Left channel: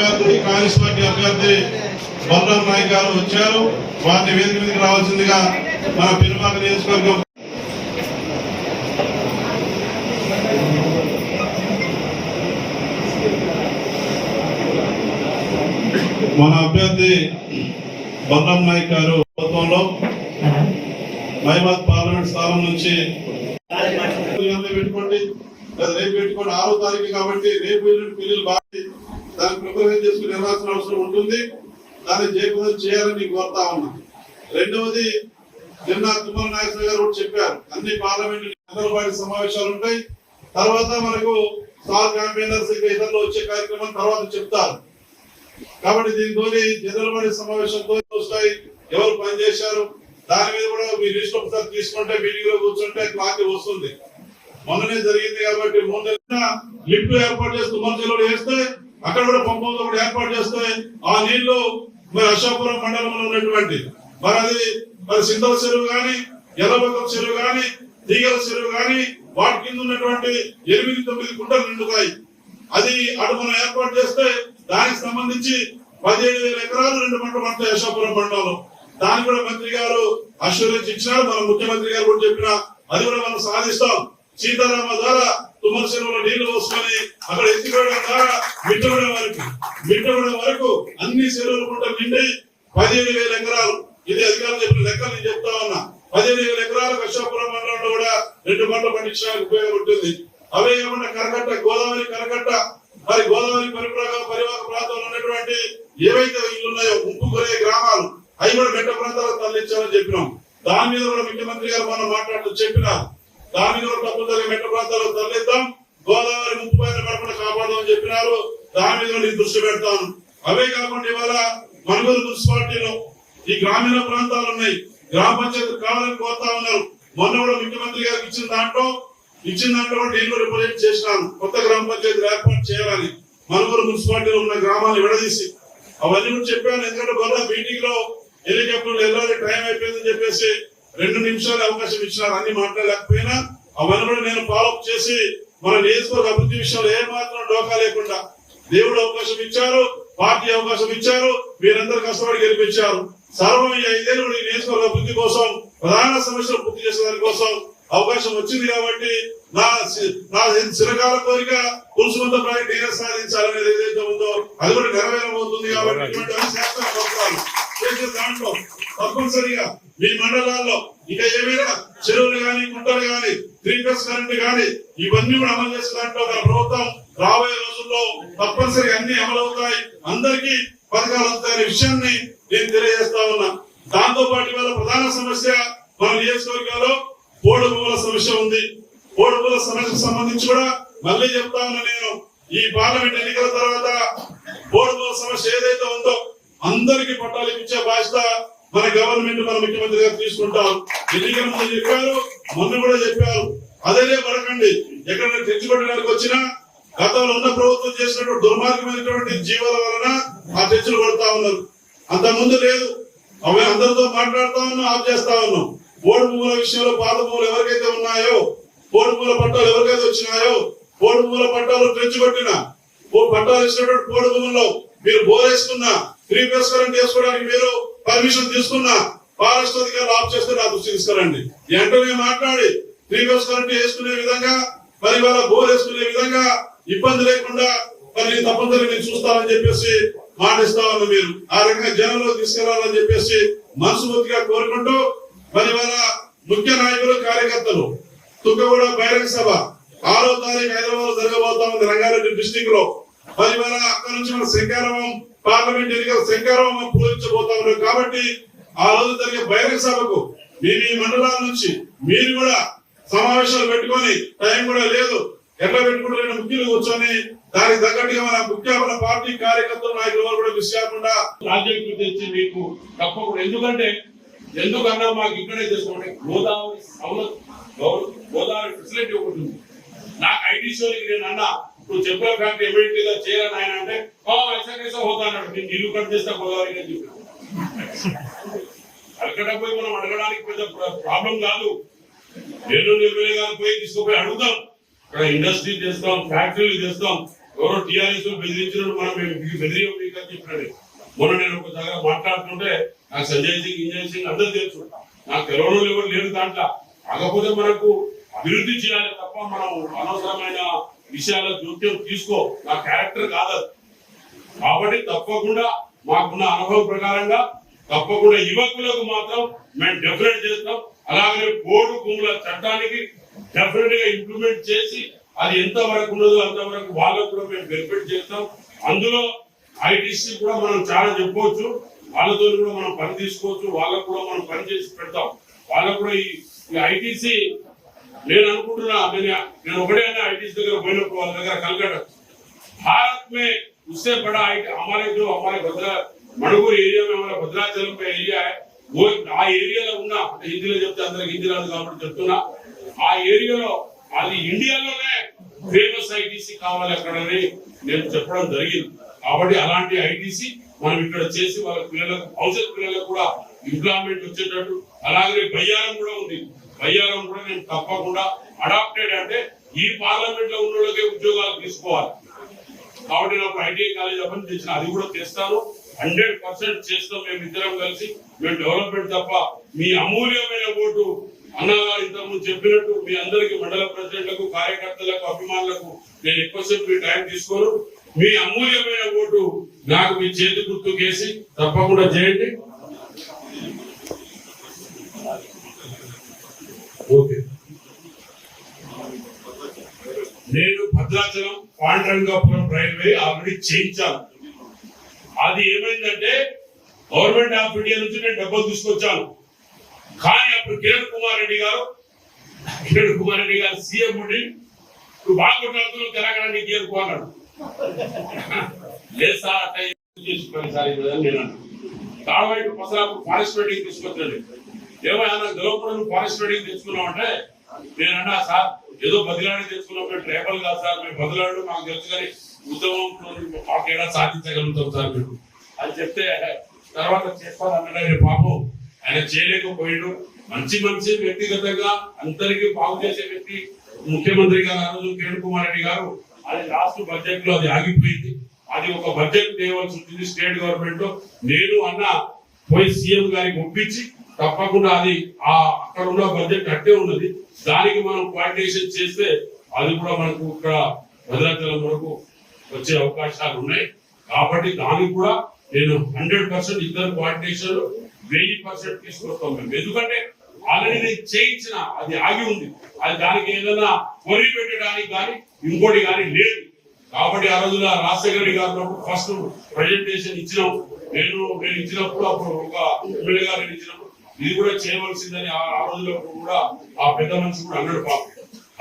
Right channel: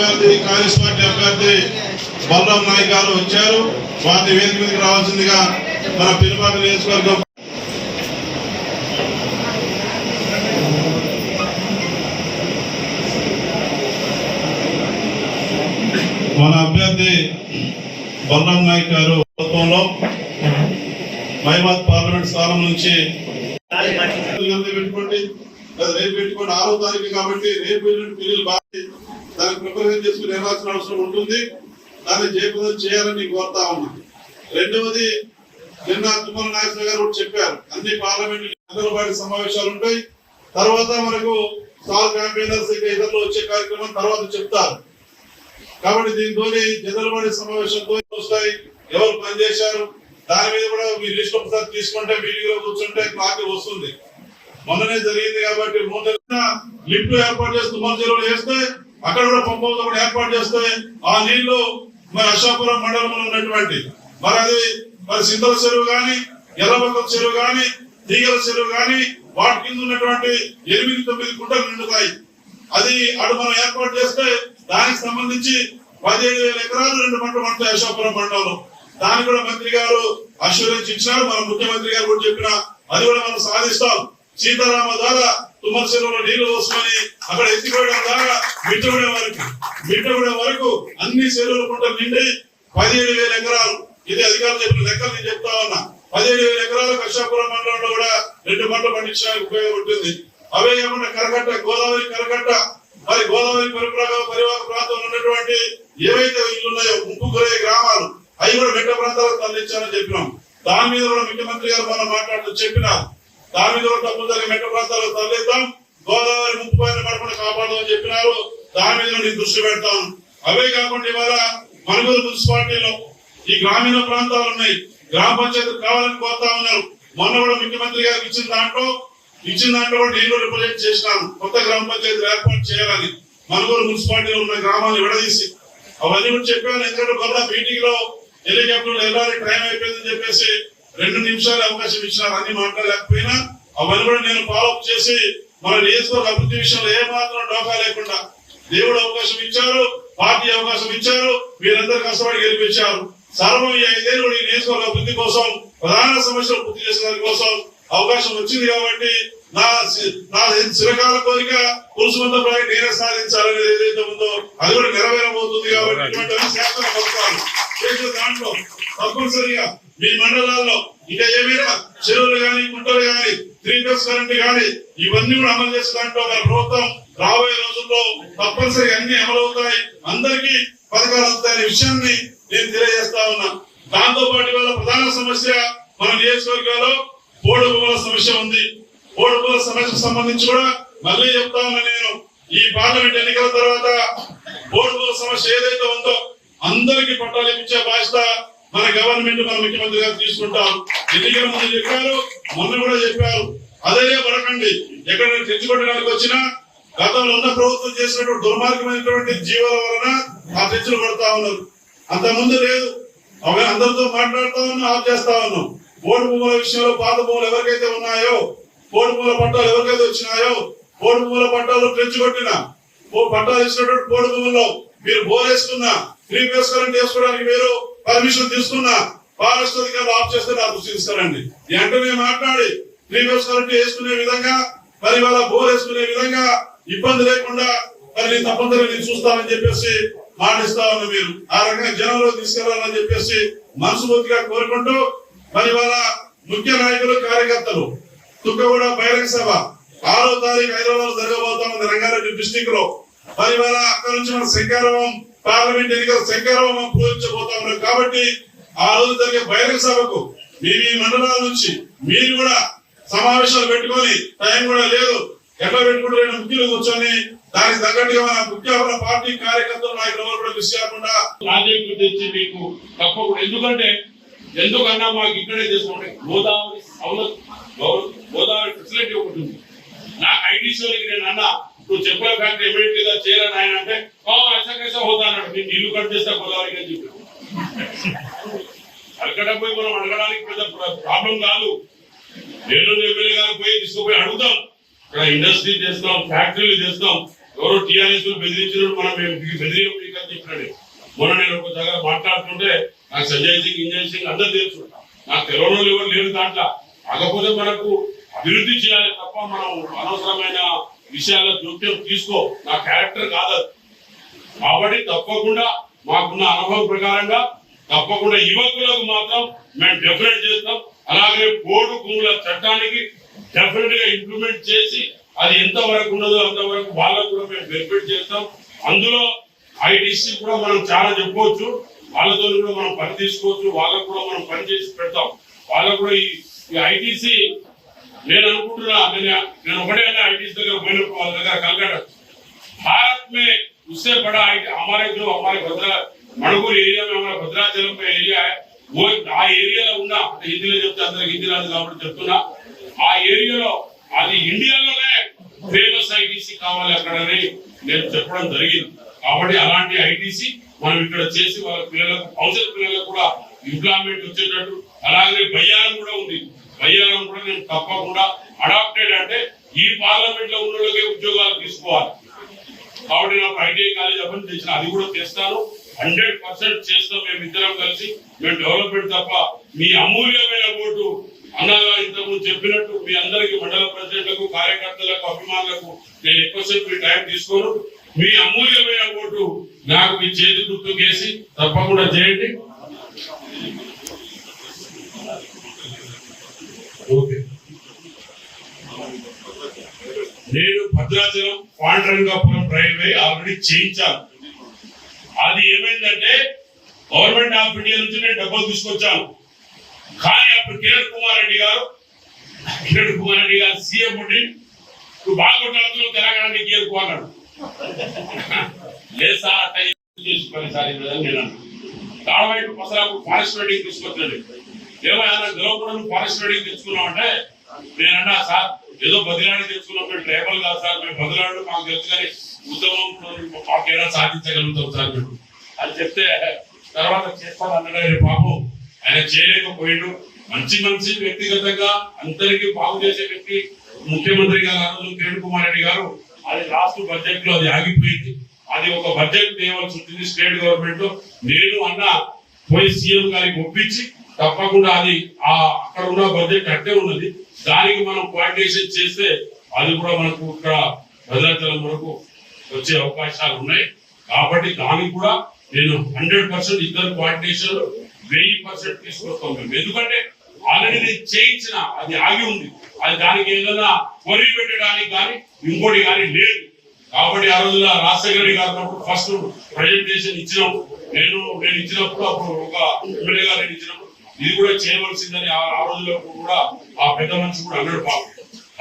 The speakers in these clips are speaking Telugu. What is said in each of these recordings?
అభ్యర్థి కాంగ్రెస్ పార్టీ అభ్యర్థి బలరాం నాయక్ గారు వచ్చారు. వారిని వేదిక మీదకి రావాల్సిందిగా మన పెనుమాక నియోజకవర్గం మన అభ్యర్థి బలరాం నాయక్ గారు ప్రభుత్వంలో మహిబాద్ పార్లమెంట్ స్థానం నుంచి పెట్టుకోండి, రేపు పెట్టుకోండి. 6వ తారీఖు కాబట్టి రేపు పిల్లలు బాగా దాన్ని ప్రిపరేషన్ చేసుకుని వెళ్ళాల్సిన అవసరం ఉంటుంది. దాన్ని జయప్రదం చేయాలని కోరుతా ఉన్నా. రెండవది, నిన్న తుమ్మల నాగేశ్వర గారు కూడా చెప్పారు, అన్ని పార్లమెంట్ పార్టీ సమావేశాలు ఉంటాయి. తర్వాత మనకు స్టార్ క్యాంపెయినర్స్ ఇతరులు వచ్చే కార్యక్రమం తర్వాత చెప్తారు. కాబట్టి దీంతో జనరల్ బాడీ సమావేశంతో వస్తాయి, ఎవరు పనిచేశారు దాని మీద కూడా మీ లిస్ట్ ఒకసారి తీసుకుంటే మీటింగ్ లో కూర్చుంటే క్లారిటీ వస్తుంది. మొన్ననే జరిగింది కాబట్టి లిఫ్ట్ ఏర్పాటు చేస్తూ తుమ్మల వేస్తే అక్కడ కూడా పంపంతో కూడా ఏర్పాటు చేస్తే ఆ నీళ్లు మరి అశాపురం మండలంలో ఉన్నటువంటి మరి సింధల చెరువు గాని, ఎర్రబక్కల చెరువు గాని, తీగల చెరువు గాని వాటి కింద ఉన్నటువంటి 8-9 గుంటలు నిండుతాయి. అది అటు మనం ఏర్పాటు చేస్తే దానికి సంబంధించి 15,000 ఎకరాలు 2 పంటలు పడతాయి అశాపురం మండలంలో. దాన్ని కూడా మంత్రి గారు అష్యూరెన్స్ ఇచ్చినారు. మన ముఖ్యమంత్రి గారు కూడా చెప్పిన అది కూడా మనం సాధిస్తాం. సీతారామ ద్వారా తుమ్మల చెరువులో నీళ్లు వస్తుందని అక్కడ ఎత్తికోవడం ద్వారా మిట్టగూడెం వరకు అన్ని చెరువులు గుంటలు నిండి 15,000 ఎకరాలు, ఇది అధికారులు చెప్పిన లెక్కలు నేను చెప్తా ఉన్నా. 15,000 ఎకరాలు అశాపురం మండలంలో కూడా 2 పంటలు పండించడానికి ఉపయోగపడుతుంది. అవే కాకుండా కరకట్ట, గోదావరి కరకట్ట, మరి గోదావరి పరివాహక ప్రాంతంలో ఉన్నటువంటి ఏవైతే ఇల్లు ఉన్నాయో ముంపు గురయ్యే గ్రామాలు అవి కూడా మెట్ట ప్రాంతాలకు తరలించాలని చెప్పినాం. దాని మీద కూడా ముఖ్యమంత్రి గారు మనం మాట్లాడుతూ చెప్పినారు. దాని మీద కూడా తప్పనిసరిగా మెట్ట ప్రాంతాలకు తరలిద్దాం, గోదావరి ముంపు పడకుండా కాపాడమని చెప్పినారు. దాని మీద నేను దృష్టి పెడతాను. అవే కాకుండా ఇవాళ మనుగోలు మున్సిపాలిటీలో ఈ గ్రామీణ ప్రాంతాలు ఉన్నాయి, గ్రామ పంచాయతీ కావాలని కోరుతా ఉన్నారు. మొన్న కూడా ముఖ్యమంత్రి గారికి ఇచ్చిన దాంట్లో కూడా నేను రిప్రజెంట్ చేసినాను. కొత్త గ్రామ పంచాయతీలు ఏర్పాటు చేయాలని మనుగోలు మున్సిపాలిటీలో ఉన్న గ్రామాన్ని విడదీసి అవన్నీ కూడా చెప్పాను. ఎందుకంటే మొన్న మీటింగ్ లో హెలికాప్టర్లు వెళ్ళాలి, టైం అయిపోయిందని చెప్పేసి 2 నిమిషాలు అవకాశం ఇచ్చినారు. అన్ని మాట్లాడలేకపోయినా అవన్నీ కూడా నేను ఫాలోఅప్ చేసి మన నియోజకవర్గ అభివృద్ధి విషయంలో ఏమాత్రం డోకా లేకుండా దేవుడు అవకాశం ఇచ్చారు, పార్టీ అవకాశం ఇచ్చారు, మీరందరూ కష్టపడి గెలిపించారు. సర్వం ఈ 5 ఏళ్ళు ఈ నియోజకవర్గ అభివృద్ధి కోసం, ప్రధాన సమస్యలు పూర్తి చేసే దాని కోసం అవకాశం వచ్చింది. కాబట్టి నా చిరకాల కోరిక పురుషుమంత ప్రాజెక్ట్ నేనే సాధించాలనేది ఏదైతే ఉందో అది కూడా నెరవేరబోతుంది. కాబట్టి దాంట్లో తప్పనిసరిగా మీ మండలాల్లో ఇంకా ఏమైనా చెరువులు గాని, గుంటలు గాని, 3 కరెంట్ గాని ఇవన్నీ కూడా అమలు చేసే దాంట్లో మన ప్రభుత్వం రాబోయే రోజుల్లో తప్పనిసరిగా అన్ని అమలవుతాయి, అందరికీ పథకాలు వస్తాయనే విషయాన్ని నేను తెలియజేస్తా ఉన్నా. దాంతో పాటు వల్ల ప్రధాన సమస్య మన నియోజకవర్గాల్లో పోడు భూముల సమస్య ఉంది. పోడు భూముల సమస్యకు సంబంధించి కూడా మళ్ళీ చెప్తా ఉన్నా నేను, ఈ పార్లమెంట్ ఎన్నికల తర్వాత పోడు భూముల సమస్య ఏదైతే ఉందో అందరికీ పట్టాలు ఇచ్చే బాధ్యత మన గవర్నమెంట్, మన ముఖ్యమంత్రి గారు తీసుకుంటారు. ఎన్నికల ముందు చెప్పారు, మొన్న కూడా చెప్పారు. అదే పడకండి, ఎక్కడైనా తెచ్చుకోవడానికి వచ్చినా గతంలో ఉన్న ప్రభుత్వం చేసినటువంటి దుర్మార్గమైనటువంటి జీవాల వలన ఆ తెచ్చులు కొడతా ఉన్నారు. అంత ముందు లేదు. అవి అందరితో మాట్లాడుతా ఉన్నాం, ఆఫ్ చేస్తా ఉన్నాం. పోడు భూముల విషయంలో పాత భూములు ఎవరికైతే ఉన్నాయో, పోడు భూముల పట్టాలు ఎవరికైతే వచ్చినాయో, పోడు భూముల పట్టాలు తెచ్చుకొట్టిన పట్టాలు ఇచ్చినటువంటి పోడు భూముల్లో మీరు బోరేసుకున్నా, 3 కరెంట్ వేసుకోవడానికి మీరు పర్మిషన్ తీసుకున్నా ఫారెస్ట్ అధికారులు ఆఫ్ చేస్తే నా దృష్టి తీసుకురండి. వెంటనే మాట్లాడి 3 కరెంట్ వేసుకునే విధంగా, మరి వాళ్ళ బోర్ వేసుకునే విధంగా ఇబ్బంది లేకుండా మరి తప్పనిసరిగా నేను చూస్తానని చెప్పేసి మాటిస్తా ఉన్నా. మీరు ఆ రకంగా జనంలో తీసుకెళ్లాలని చెప్పేసి మనస్ఫూర్తిగా కోరుకుంటూ, మరి వాళ్ళ ముఖ్య నాయకులు, కార్యకర్తలు తుక్కగూడ బహిరంగ సభ 6వ తారీఖు హైదరాబాద్ జరగబోతాం రంగారెడ్డి డిస్టిక్ లో. మరి వాళ్ళ అక్కడ నుంచి మన శంకరరావం పార్లమెంట్ ఎన్నికల శంకరరావం పూజించబోతా ఉన్నారు. కాబట్టి ఆ రోజు జరిగే బహిరంగ సభకు మీ మండలాల నుంచి మీరు కూడా సమావేశాలు పెట్టుకొని, టైం కూడా లేదు, ఎట్లా పెట్టుకుంటే ముఖ్యులు కూర్చొని దానికి తగ్గట్టుగా మన ముఖ్య పార్టీ కార్యకర్తలు, నాయకులు కూడా మిస్ కాకుండా ప్రాజెక్టు తెచ్చి మీకు తప్పకుండా. ఎందుకన్నా మాకు ఇక్కడే చేసుకోండి. గోదావరి ఫెసిలిటీ ఒకటి ఉంది. నాకు ఐటీ షోకి నేను అన్నా, నువ్వు చెప్పిన ఫ్యాక్టరీ ఇమీడియట్ గా చేయాలని ఆయన అంటే ఐసా కైసా హోతా అన్నాడు. నేను ఇల్లు కట్ చేస్తా గోదావరికి అని చెప్పాను. అక్కడ పోయి మనం అడగడానికి పెద్ద ప్రాబ్లం కాదు. నేను ఎమ్మెల్యే గారు పోయి తీసుకుపోయి అడుగుతాం. ఇక్కడ ఇండస్ట్రీ చేస్తాం, ఫ్యాక్టరీలు చేస్తాం, ఎవరో టీఆర్ఎస్ బెదిరించినట్టు మనం బెదిరియం మీకని చెప్పినట్టు. మొన్న నేను ఒక దగ్గర మాట్లాడుతుంటే నాకు సంజయ్ సింగ్ ఇంజన్ సింగ్ అందరూ తెలుసు, నాకు తెలంగాణలో ఎవరు లేరు దాంట్లో. కాకపోతే మనకు అభివృద్ధి చేయాలి తప్ప మనం అనవసరమైన విషయాల్లో జోక్యం తీసుకో, నా క్యారెక్టర్ కాదు. కాబట్టి తప్పకుండా మాకున్న అనుభవం ప్రకారంగా తప్పకుండా యువకులకు మాత్రం మేము డెఫినెట్ చేస్తాం. అలాగే పోడు భూముల చట్టానికి డెఫినెట్ గా ఇంప్లిమెంట్ చేసి అది ఎంత వరకు ఉన్నదో అంతవరకు వాళ్ళకు కూడా మేము బెనిఫిట్ చేస్తాం. అందులో ఐటీసీ కూడా మనం చాలా చెప్పుకోవచ్చు, వాళ్ళతో కూడా మనం పని తీసుకోవచ్చు, వాళ్ళకు కూడా మనం పని చేసి పెడతాం. వాళ్ళకు కూడా ఈ ఐటీసీ నేను అనుకుంటున్నా, నేను ఒకటే ఐటీసీ దగ్గర పోయినప్పుడు వాళ్ళ దగ్గర కలకట भारत में उससे बड़ा हमारे जो हमारे भद्रा मणिपुर एरिया में हमारा भद्राचलम का एरिया है, वो आ ఏరియాలో ఉన్న హిందీలో చెప్తే అందరికి హిందీ రాదు కాబట్టి చెప్తున్నా, ఆ ఏరియాలో అది ఇండియాలోనే ఫేమస్ ఐటీసీ కావాలి అక్కడని నేను చెప్పడం జరిగింది. కాబట్టి అలాంటి ఐటీసీ మనం ఇక్కడ చేసి వాళ్ళ పిల్లలకు భవిష్యత్ పిల్లలకు కూడా ఎంప్లాయ్మెంట్ వచ్చేటట్టు. అలాగే బయ్యారం కూడా ఉంది, బయ్యారం కూడా నేను తప్పకుండా అడాప్టెడ్ అంటే ఈ పార్లమెంట్ లో ఉన్న వాళ్ళకే ఉద్యోగాలు తీసుకోవాలి. కాబట్టి నాకు ఐటీఐ కాలేజ్ అప్పని తెచ్చిన అది కూడా తెస్తాను, 100% చేస్తాం. మేము ఇద్దరం కలిసి మేము డెవలప్మెంట్ తప్ప మీ అమూల్యమైన ఓటు అన్నగారు ఇంతకుముందు చెప్పినట్టు మీ అందరికి మండల ప్రెసిడెంట్లకు కార్యకర్తలకు అభిమానులకు నేను ఎక్కువసేపు మీ టైం తీసుకోను. మీ అమూల్యమైన ఓటు నాకు మీ చేతి గుర్తు కేసి తప్పకుండా చేయండి. ఓకే, నేను భద్రాచలం పాండురంగాపురం రైల్వే ఆల్రెడీ చేయించాను. అది ఏమైందంటే గవర్నమెంట్ ఆఫ్ ఇండియా నుంచి నేను డబ్బులు తీసుకొచ్చాను. కానీ అప్పుడు కిరణ్ కుమార్ రెడ్డి గారు సీఎం ఉండి నువ్వు బాగా కొట్లాడుతున్నావు తెలంగాణ నీకు చేరుకోవాలన్నాడు. లేదు సార్ అట్లా నేను తాడవైపు పసరాకు ఫారెస్ట్ రైడింగ్ తీసుకొచ్చాడు. ఏమైనా గెలవకుండా ఫారెస్ట్ రైడింగ్ తెచ్చుకున్నావు అంటే నేనన్నా సార్ ఏదో బదిలాడి తెచ్చుకున్నాం, మేము ట్రైబల్ కాదు సార్, మేము బదిలాడు మాకు తెలుసు కానీ ఉద్యమంలో మాకేడా సాధించగలుగుతాం సార్ మీరు అని చెప్తే తర్వాత చేస్తాను అన్నాడు. పాపం ఆయన చేయలేకపోయాడు. మంచి వ్యక్తిగతంగా అందరికీ బాగు చేసే వ్యక్తి ముఖ్యమంత్రి గారు కిరణ్ కుమార్ రెడ్డి గారు. అది లాస్ట్ బడ్జెట్ లో అది ఆగిపోయింది. అది ఒక బడ్జెట్ తేవాల్సి ఉంటుంది స్టేట్ గవర్నమెంట్ లో. నేను అన్న పోయి సీఎం గారికి ఒప్పించి తప్పకుండా అది అక్కడ ఉన్న బడ్జెట్ అట్టే ఉన్నది, దానికి మనం కోఆర్డినేషన్ చేస్తే అది కూడా మనకు ఇక్కడ భద్రాచలం వరకు వచ్చే అవకాశాలు ఉన్నాయి. కాబట్టి దానికి కూడా నేను 100% ఇద్దరు కోఆర్డినేషన్ 1000% తీసుకొస్తాం మేము. ఎందుకంటే ఆల్రెడీ నేను చేయించిన అది ఆగి ఉంది, అది దానికి ఏదైనా పొరి పెట్టడానికి కానీ ఇంకోటి కానీ లేదు. కాబట్టి ఆ రోజున రాజశేఖర రెడ్డి గారు ఫస్ట్ ప్రజెంటేషన్ ఇచ్చినాం. నేను ఇచ్చినప్పుడు అప్పుడు ఒక ఎమ్మెల్యే గారు ఇచ్చినప్పుడు ఇది కూడా చేయవలసిందని ఆ రోజుల్లో కూడా ఆ పెద్ద మనిషి కూడా అన్నాడు పాపం.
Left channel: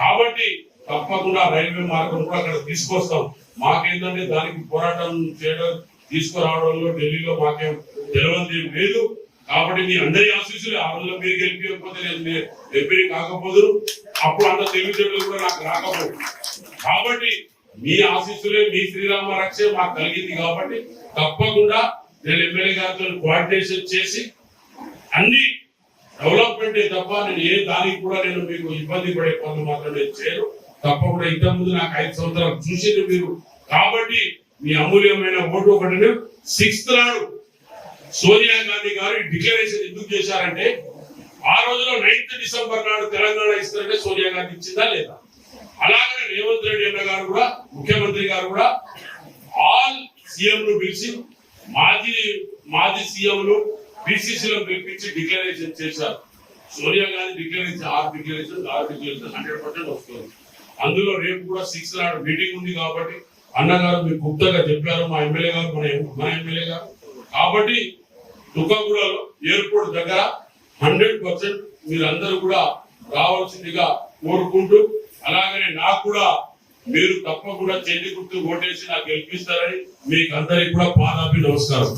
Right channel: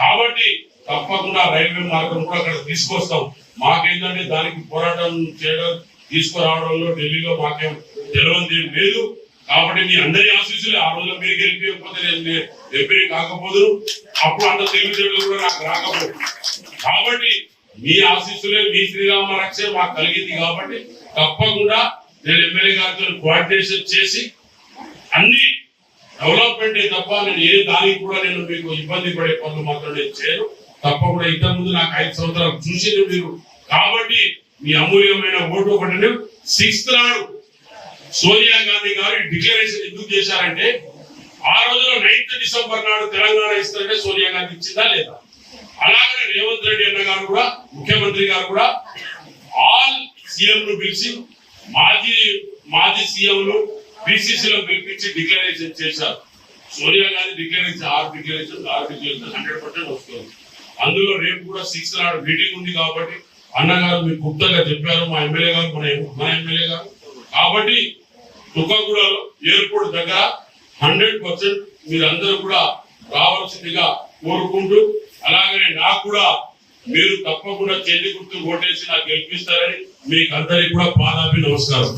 కాబట్టి తప్పకుండా రైల్వే మార్గం కూడా అక్కడ తీసుకొస్తాం. మాకేంటంటే దానికి పోరాటం చేయడం తీసుకురావడంలో ఢిల్లీలో మాకేం తెలియదు లేదు. కాబట్టి మీ అందరి ఆశీస్సులే. ఆ రోజుల్లో మీరు గెలిపించకపోతే నేను ఎంపీ కాకపోదు, అప్పుడు అంత తెలివితేటలు కూడా నాకు రాకపోదు. కాబట్టి మీ ఆశీస్సులే, మీ శ్రీరామ రక్షే మాకు కలిగింది. కాబట్టి తప్పకుండా నేను ఎమ్మెల్యే గారితో కోఆర్డినేషన్ చేసి అన్ని డెవలప్మెంట్ తప్ప నేను ఏ దానికి కూడా నేను మీకు ఇబ్బంది పడే పనులు మాత్రం నేను చేయను. తప్పకుండా ఇంతకు ముందు నాకు 5 సంవత్సరాలు చూసింది మీరు. కాబట్టి మీ అమూల్యమైన ఓటు ఒకటి 6th నాడు సోనియా గాంధీ గారు డిక్లరేషన్ ఎందుకు చేశారంటే ఆ రోజులో 9th డిసెంబర్ నాడు తెలంగాణ ఇస్తారంటే సోనియా గాంధీ ఇచ్చిందా లేదా. అలాగే రేవంత్ రెడ్డి అన్న గారు కూడా ముఖ్యమంత్రి గారు కూడా ఆల్ సీఎంలు పిలిచి మాజీ సీఎంలు బీసీసీలో పిలిపించి డిక్లరేషన్ చేశారు. సోనియా గాంధీ డిక్లరేషన్ 6 డిక్లరేషన్ 100% వస్తుంది. అందులో రేపు కూడా 6th నాడు మీటింగ్ ఉంది. కాబట్టి అన్నగారు మీకు గుప్తంగా చెప్పారు, మా ఎమ్మెల్యే గారు మన ఎమ్మెల్యే గారు. కాబట్టి తుకాగూడలో ఎయిర్పోర్ట్ దగ్గర 100% మీరందరూ కూడా రావాల్సిందిగా కోరుకుంటూ, అలాగనే నాకు కూడా మీరు తప్పకుండా చేతి గుర్తు ఓటేసి నాకు గెలిపిస్తారని మీకు అందరికీ కూడా పాదాభి నమస్కారం.